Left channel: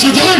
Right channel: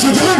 She did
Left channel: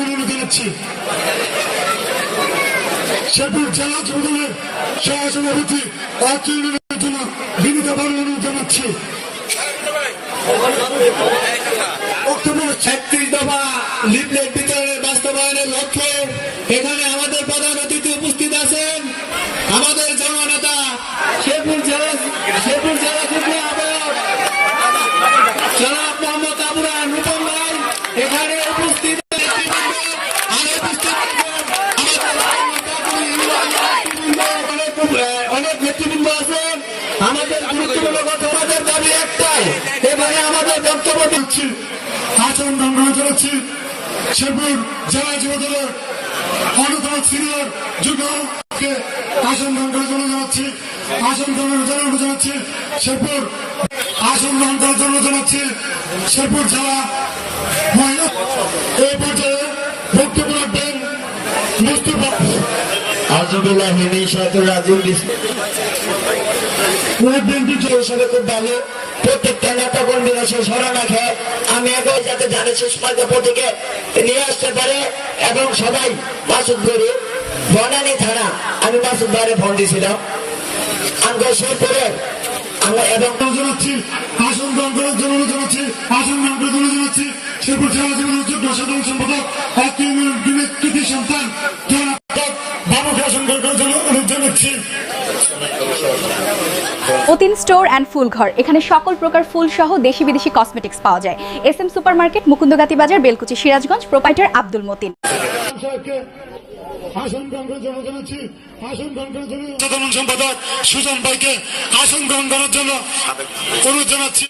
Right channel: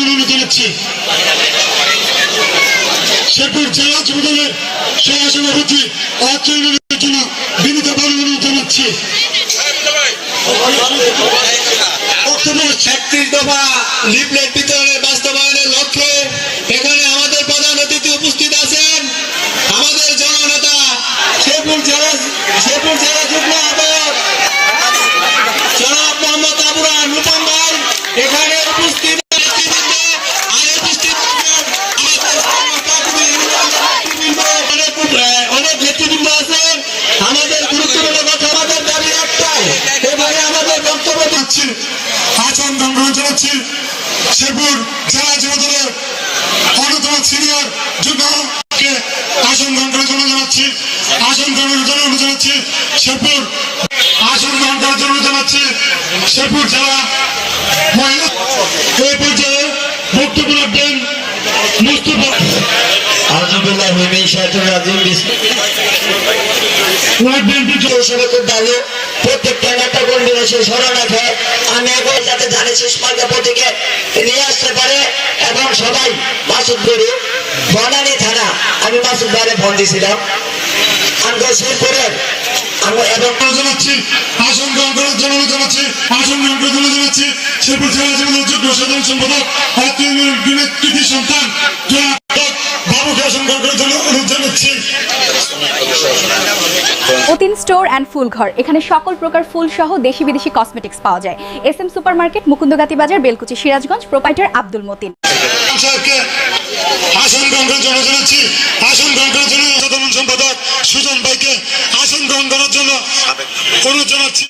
অনুরোধ জানাচ্ছি শেরপুর জেলা যুবদলের সহসভাপতি জন্য জানাচ্ছি। ছত্রিশ দফা বিতরণের বাস্তবায়নের লক্ষ্যে এখানে আমাদের প্রধান অতিথি উপস্থিত আছেন। আমাদের জননেতা শেরপুর জেলা শেরপুর জেলা যুগ্ম আহ্বায়ক জনাব মোহাম্মদ আবুরা ভাই এখানে উপস্থিত এখানে আমাদের বক্তব্য দিচ্ছি। আচরণ গ্রহণ জানাচ্ছি। শেরপুর জেলা যুবদলের অন্যতম সিনিয়র যুবকে আসন গ্রহণ করার জন্য জানাচ্ছি। আসন গ্রহণের জন্য অনুরোধ জানাচ্ছি। শেরপুর আসন গ্রহণ করার জন্য জানাচ্ছি। শেরপুর জেলা মহিলা ওই পর্যায়ে বক্তব্য রাখবেন মুস্তফা। আলহামদুলিল্লাহ মিমি শাহিদুর রাজিম ওয়ার্ড বিএনপি হিসেবে খুব ভালো। প্রত্যেকটা নেতা কর্মীরা সে স্মরণ রাখে আমি এখন যাতে জানি শেষ মার্কা প্রতীকে নিয়ে আসতে পারে এবং সবাই মাসুদ গরু, বনানী থানা, আমি মাসুদ ভাইরে ফোন দিয়েছিলাম। আমি আমরা এবং জানাচ্ছি আসন গ্রহণ করার জন্য জানাচ্ছি আসন গ্রহণ করার জন্য জানাচ্ছি জেলা যুবদলের যুগ্ম সাধারণ সম্পাদক আত্মীয় সন্তান। অতীন স্টোর অ্যান্ড ফুল ঘর। এখানে সকল প্রকার ফুল সহ দেশি বিদেশি কসমেটিক্স পাওয়া যায়। S M super market Mukundagati বাজার বেলকুচি সিরাজগঞ্জ প্রোপাইটার আব্দুল মতিন। সম্পাদক সুজন ভাইকে আসন গ্রহণ করার জন্য অনুরোধ জানাচ্ছি।